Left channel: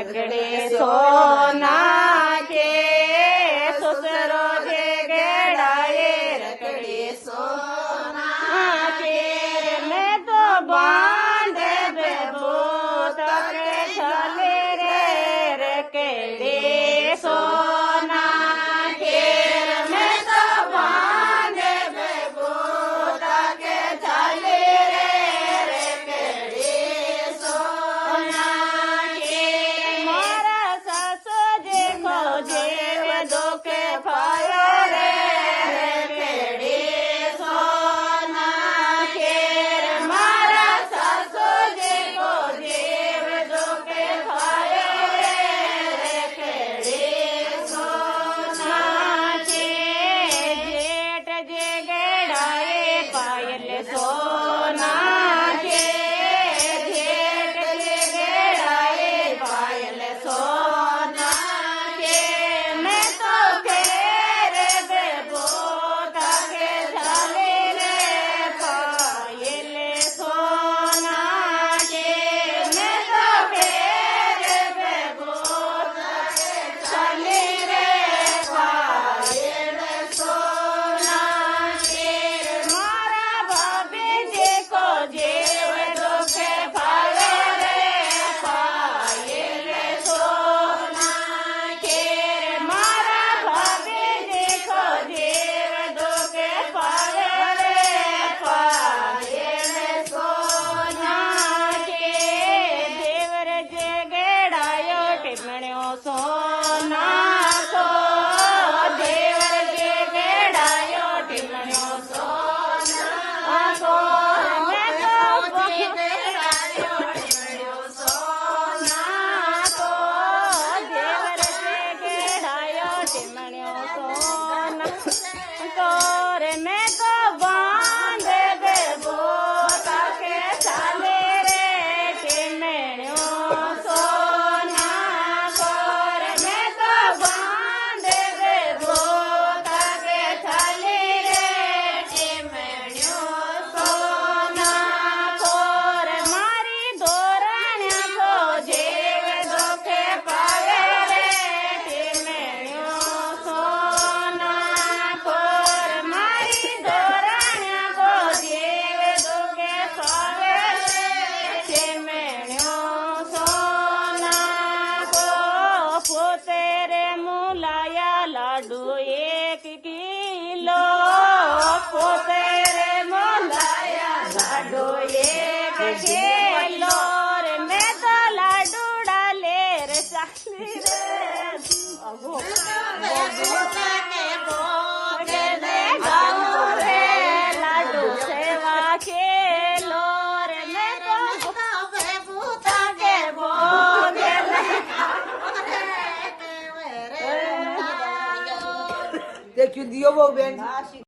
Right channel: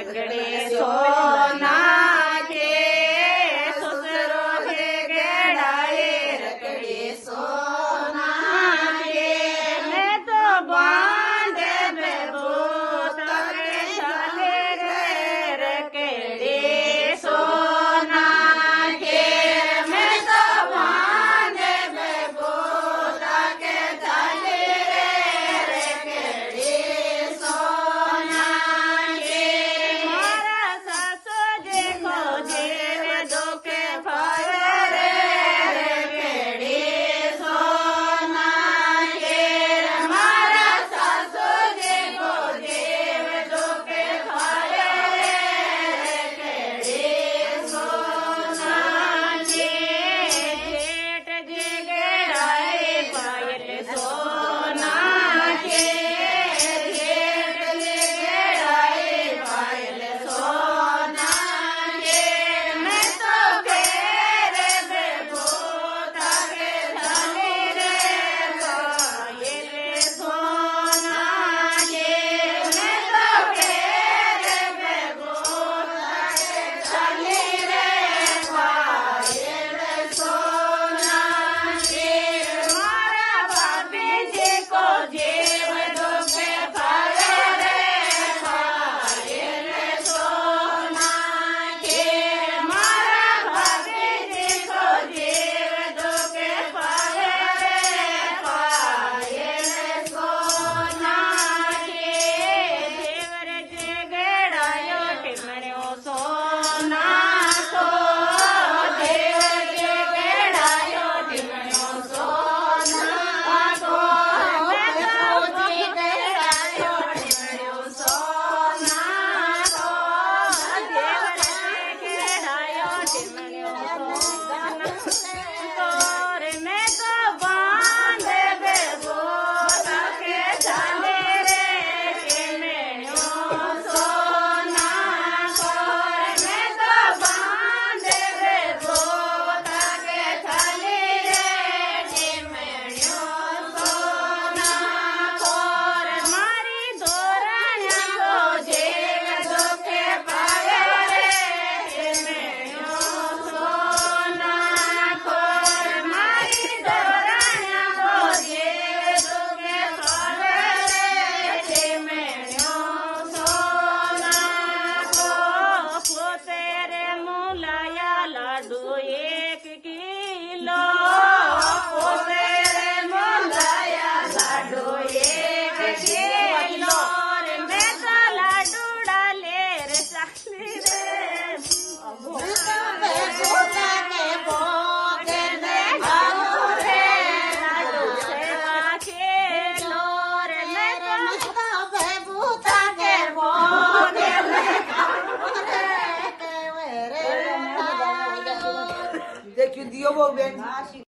રેકડે સોના કે સસરો કે ગેડાએ રેકડે સોના કે મેં તો બાંધે બેબો તકે ચાલે રે રેકડે સોના કે મેં તો બાંધે બેબો તકે ચાલે રે રેકડે સોના કે મારા સાસુ દેખો જેવ દોકે ફાયા રે રેકડે સોના કે મારા સાસુ દેખો જેવ દોકે ફાયા રે રેકડે સોના કે જેઠ જે ગેડાએ પાયલ સોના કે જેઠ જે ગેડાએ પાયલ સોના કે મેં તો ફેર બેબો તકે ચાલે રે પાયલ સોના કે મેં તો ફેર બેબો તકે ચાલે રે પાયલ સોના કે મારા ભાભીજી કો જેવ દોકે ફાવે રે પાયલ સોના કે મારા ભાભીજી કો જેવ દોકે ફાવે રે પાયલ સોના કે દેવર જે ગેડાયો ટીમણ્યો સોના કો દેવર જે ગેડાયો ટીમણ્યો સોના કો જે ગેડાયો ટીમણ્યો સોના કો દેવર જે ગેડાયો ટીમણ્યો સોના કો રે મેં કો બાંધે બેબો તકે ચાલે રે ટીમણ્યો સોના કો રે મેં કો બાંધે બેબો તકે ચાલે રે ટીમણ્યો સોના કો રે મારી ધોરણ્યા કો જેવ દોકે પાવે રે ટીમણ્યો સોના કો રે મારી ધોરણ્યા કો જેવ દોકે પાવે રે ટીમણ્યો સોના કો પોતે રે મુલાયા લાડુ 1 કિલો પોતે રે મુલાયા લાડુ 1 કિલો રે મેં તો લાડુડા લેર ચાલી રે મેં તો ભેગુતા કે ભોગે ને ગાઉં રે લાડુ સેવા કેલો રે મેં તો ભેગુતા કે ભોગે ને ગાઉં રે देखियो दियो वो बेन